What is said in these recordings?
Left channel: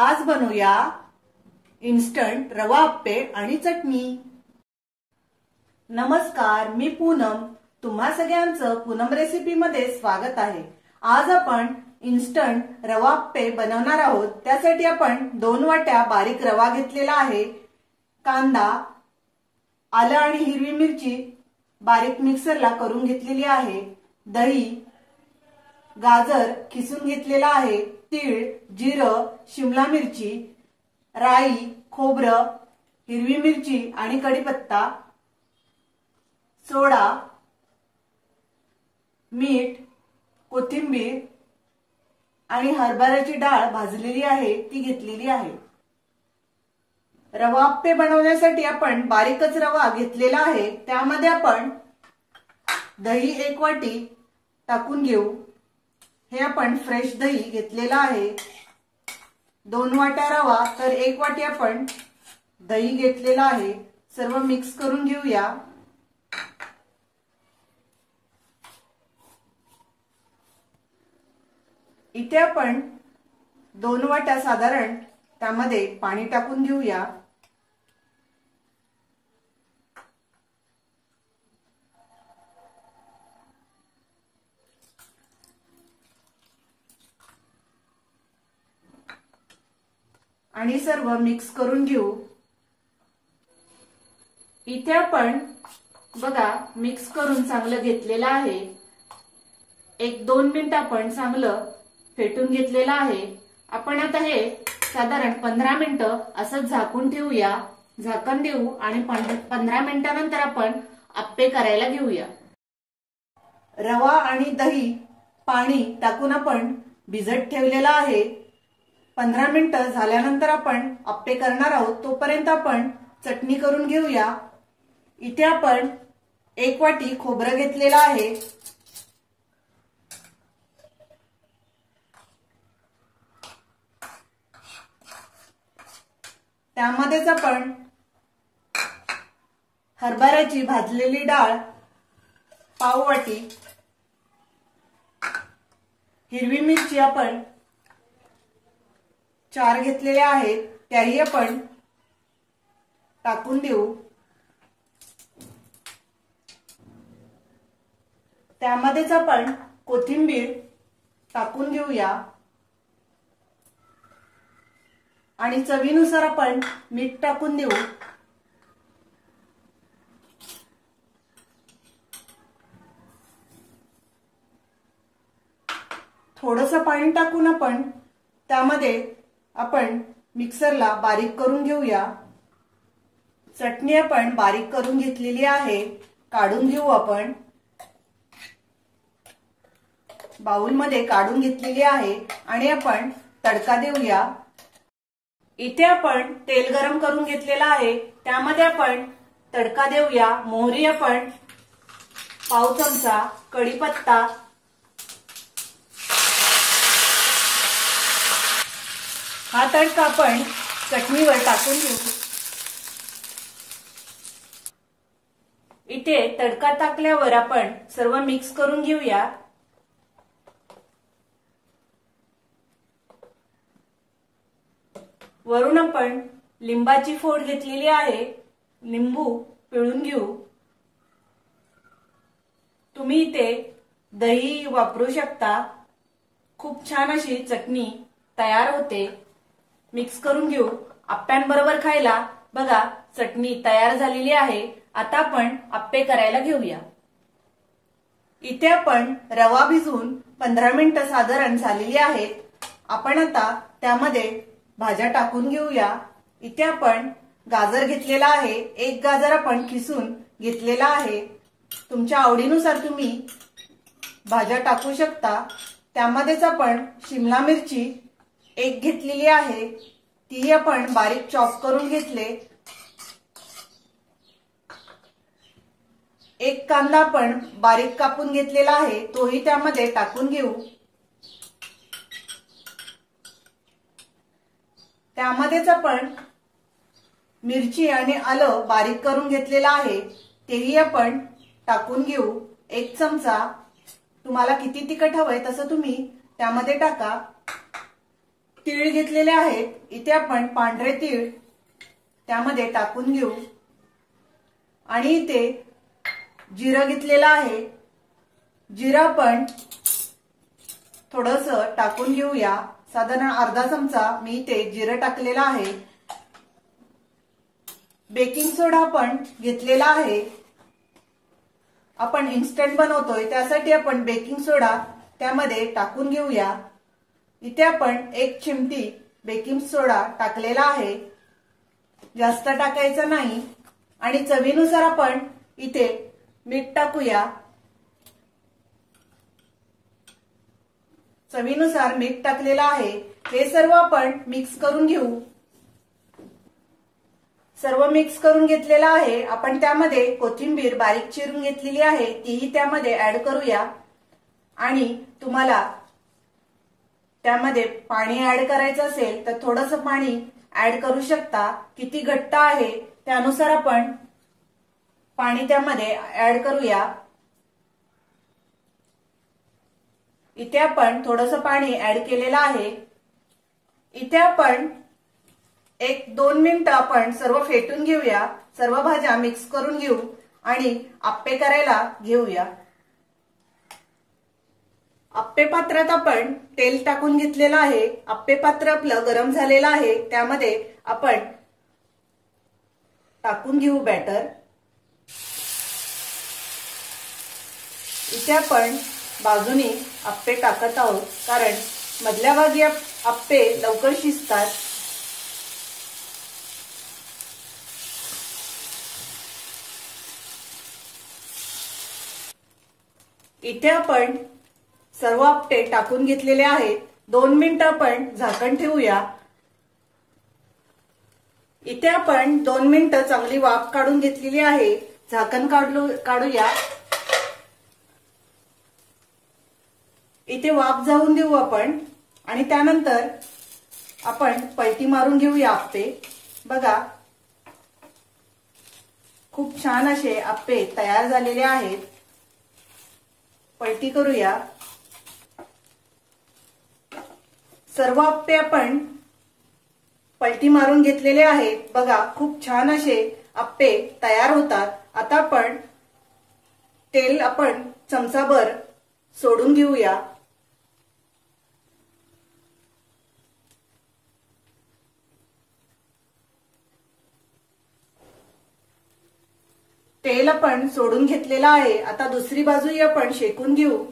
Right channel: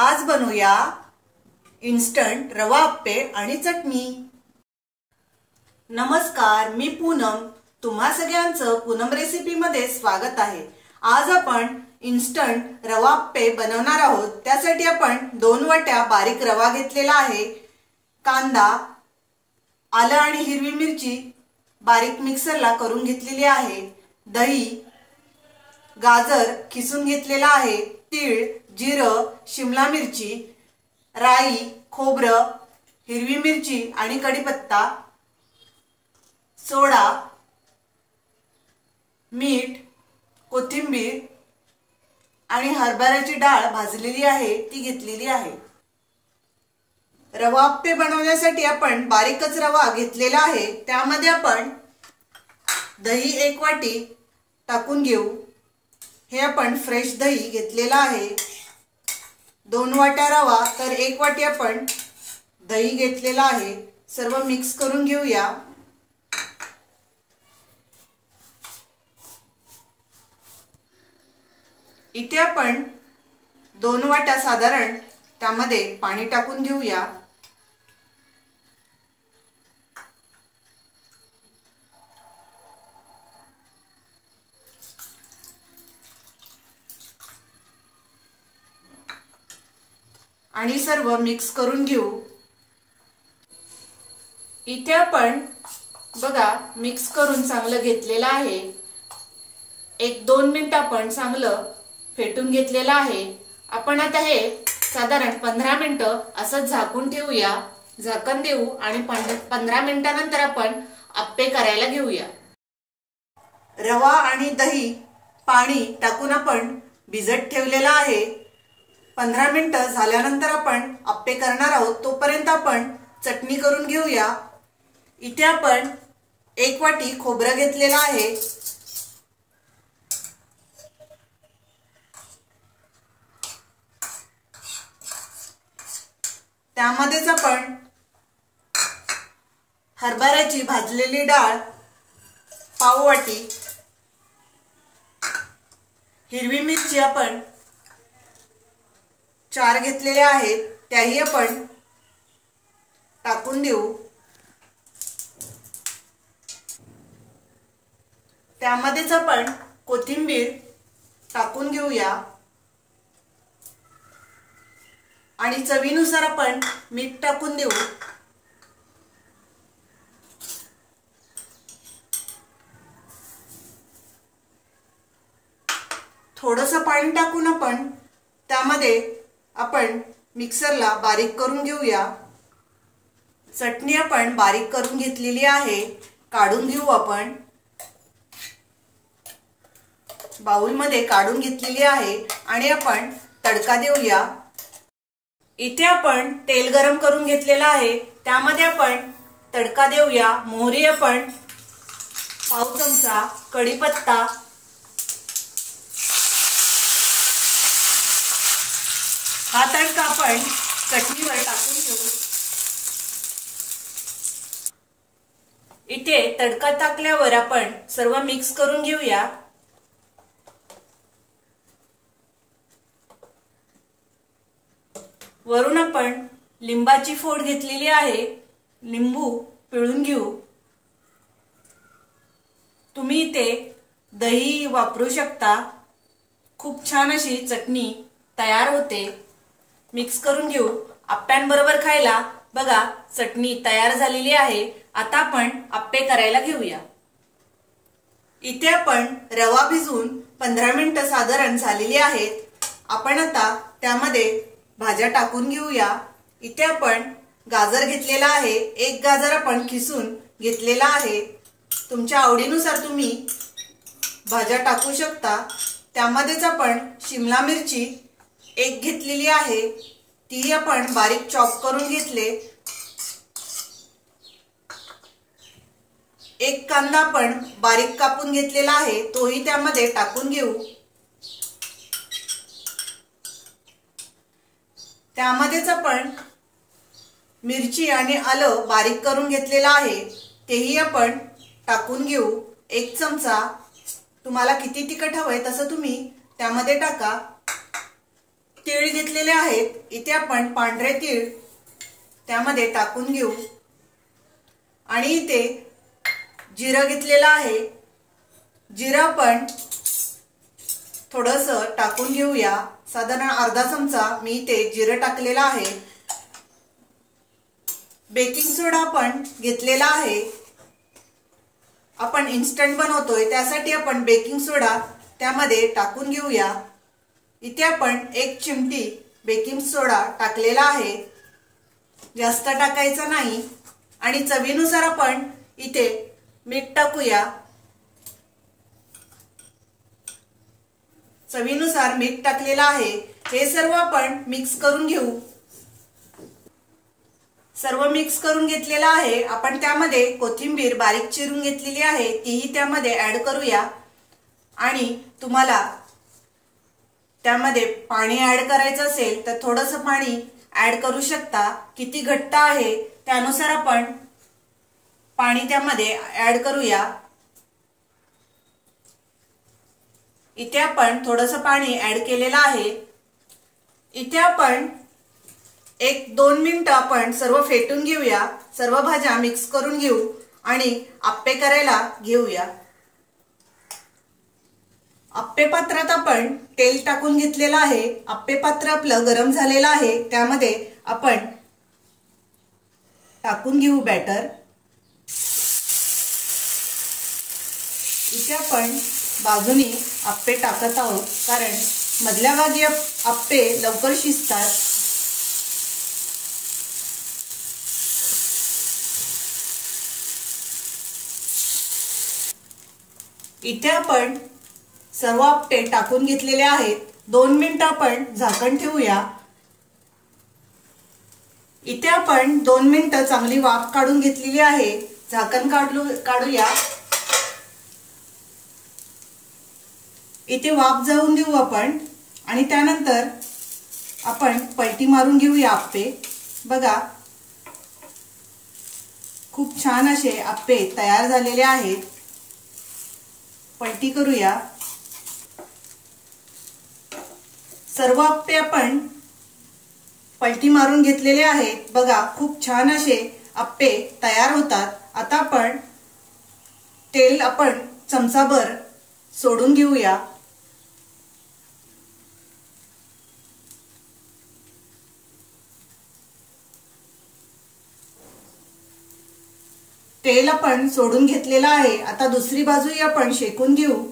आज बनवूया इन्स्टंट रवा आप्पे आणि चटणी। नमस्कार, मी पूनम। तुम्हा सगळ्यांचं पूनम रेसिपी मध्ये स्वागत आहे। आज आपण इन्स्टंट रवा आप्पे बनवणार आहोत। त्यासाठी आपण 2 वाट्या बारीक रवा घेतलेला आहे। कांदा, आलं आणि हिरवी मिरची बारीक मिक्सरला करून घेतलेली आहे। दही, गाजर किसून घेतलेला आहे। तीळ, जिरं, शिमला मिरची, राई, खोबरं, हिरवी मिरची आणि कढीपत्ता, सोडा, मीठ, कोथिंबीर आणि हरभऱ्याची डाळ भाजलेली आहे ती घेतलेली आहे। रवा आप्पे बनवण्यासाठी आपण बारीकच रवा घेतलेला आहे। त्यामध्ये आपण दही 1 वाटी टाकून घेऊ। हे आपण फ्रेश दही घेतलेला आहे। 2 वाट्या रवा तर 1 वाटी आपण दही घेतलेला आहे। सर्व मिक्स करून घेऊया। इथे आपण 2 वाट्या साधारण त्यामध्ये पाणी टाकून घेऊया। आणि सर्व मिक्स करून घेऊ। इथे आपण बघा मिक्स करून चांगलं घेतलेलं आहे। 1-2 मिनिट आपण चांगलं फेटून घेतलेलं आहे। आपण आता हे साधारण 15 मिनिटं असं झाकून ठेवूया। झाकण देऊ आणि 15 मिनिटानंतर आपण आप्पे करायला घेऊया। रवा आणि दही पाणी टाकून आपण भिजत ठेवलेला आहे। 15 मिनिटं झाल्यानंतर आपण आप्पे करणार आहोत। तोपर्यंत आपण चटणी करून घेऊया। इथे आपण 1 वाटी खोबरं घेतलेलं आहे। त्यामध्येच आपण हरभऱ्याची भाजलेली डाळ पाव वाटी, हिरवी मिरची आपण 4 घेतलेल्या आहेत त्याही आपण टाकून देऊ। त्यामध्येच आपण कोथिंबीर टाकून घेऊया आणि चवीनुसार आपण मीठ टाकून देऊ। थोडंसं पाणी टाकून आपण त्यामध्ये आपण मिक्सरला बारीक करून घेऊया। चटणी आपण बारीक करून घेतलेली आहे, काढून घेऊ। आपण बाउल मध्ये काढून घेतलेली आहे आणि आपण तडका देऊया। इथे आपण तेल गरम करून घेतलेला आहे। त्यामध्ये आपण तडका देऊया। मोहरी आपण पाव चमचा, कढीपत्ता, हा तडका आपण चटणीवर टाकून घेऊ। इथे तडका टाकल्यावर आपण सर्व मिक्स करून घेऊया। वरून आपण लिंबाची फोड घेतलेली आहे, लिंबू पिळून घेऊ। तुम्ही इथे दही वापरू शकता। खूप छान अशी चटणी तयार होते। मिक्स करून घेऊ। आप्प्यांबरोबर खायला बघा चटणी तयार झालेली आहे। आता आपण आप्पे करायला घेऊया। इथे आपण रवा भिजवून 15 मिनिटं साधारण झालेली आहेत। आपण आता त्यामध्ये भाज्या टाकून घेऊया। इथे आपण गाजर घेतलेला आहे। 1 गाजर आपण किसून घेतलेला आहे। तुमच्या आवडीनुसार तुम्ही भाज्या टाकू शकता। त्यामध्येच आपण शिमला मिरची 1 घेतलेली आहे, ती आपण बारीक चॉप करून घेतले। 1 कांदा आपण बारीक कापून घेतलेला आहे, तोही त्यामध्ये टाकून घेऊ। त्यामध्येच आपण मिरची आणि आलं बारीक करून घेतलेला आहे, तेही आपण टाकून घेऊ। 1 चमचा, तुम्हाला किती तिखट हवंय तसं तुम्ही त्यामध्ये टाका। तीळ घेतलेले आहेत. इथे आपण पांढरे तीळ त्यामध्ये टाकून घेऊ आणि इथे जिरं घेतलेलं आहे. जिरं आपण थोडंसं टाकून घेऊया. साधारण अर्धा चमचा मी इथे जिरं टाकलेलं आहे. बेकिंग सोडा पण घेतलेला आहे. आपण इन्स्टंट बनवतोय त्यासाठी आपण बेकिंग सोडा त्यामध्ये टाकून घेऊया. इथे आपण 1 चिमटी बेकिंग सोडा टाकलेला आहे. जास्त टाकायचा नाही. आणि चवीनुसार आपण इथे मीठ टाकूया. चवीनुसार मीठ टाकलेलं आहे. हे सर्व आपण मिक्स करून घेऊ. सर्व मिक्स करून घेतलेला आहे. आपण त्यामध्ये कोथिंबीर बारीक चिरून घेतलेली आहे तीही त्यामध्ये ऍड करूया. आणि तुम्हाला त्यामध्ये पाणी ऍड करायचं असेल तर थोडंसं पाणी ऍड करू शकता. किती घट्ट आहे त्यानुसार आपण पाणी त्यामध्ये ऍड करूया. इथे आपण थोडंसं पाणी ऍड केलेलं आहे. इथे आपण 1-2 मिनिटं आपण सर्व फेटून घेऊया. सर्व भाज्या मिक्स करून घेऊ आणि आप्पे करायला घेऊया. आप्पे पात्रात आपण तेल टाकून घेतलेलं आहे. आप्पे पात्र आपलं गरम झालेलं आहे. त्यामध्ये आपण टाकून घेऊ बॅटर. इथे आपण बाजूनी आप्पे टाकत आहोत कारण मधल्या भागी आप्पे लवकर शिजतात. इथे आपण सर्व आप्पे टाकून घेतलेले आहेत. 2 मिनिटं आपण झाकण ठेवूया. इथे आपण 2 मिनिटं चांगली वाफ काढून घेतलेली आहे. झाकण काढूया. इथे वाफ जाऊन देऊ आपण आणि त्यानंतर आपण पलटी मारून घेऊया आप्पे. बघा खूप छान असे आप्पे तयार झालेले आहेत. पलटी करूया. सर्व आप्पे आपण पलटी मारून घेतलेले आहेत. बघा खूप छान असे आप्पे तयार होतात. आता आपण तेल आपण चमचाभर सोडून घेऊया. तेल आपण सोडून घेतलेलं आहे. आता दुसरी बाजूही आपण शेकून घेऊ.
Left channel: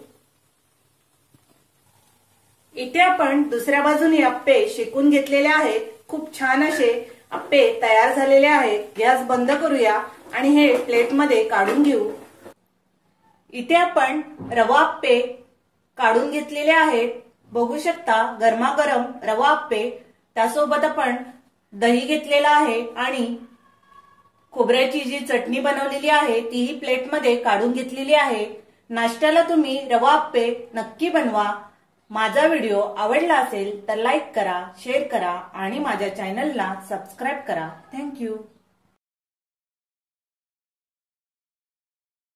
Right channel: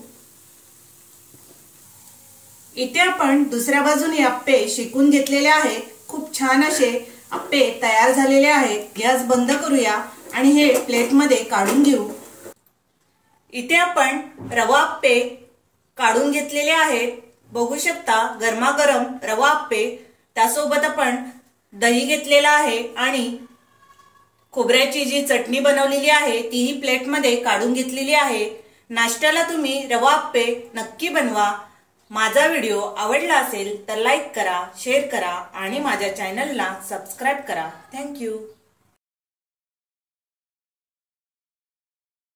इथे आपण दुसऱ्या बाजूने आप्पे शेकून घेतलेले आहेत. खूप छान असे आप्पे तयार झालेले आहेत. गॅस बंद करूया आणि हे प्लेटमध्ये काढून घेऊ. इथे आपण रवा आप्पे काढून घेतलेले आहेत. बघू शकता गरमागरम रवा आप्पे. त्यासोबत आपण दही घेतलेला आहे आणि खोबऱ्याची जी चटणी बनवलेली आहे तीही प्लेटमध्ये काढून घेतलेली आहे. नाश्त्याला तुम्ही रवा आप्पे नक्की बनवा. माझा व्हिडिओ आवडला असेल तर लाईक करा, शेअर करा आणि माझ्या चॅनलला सबस्क्राईब करा. थँक्यू.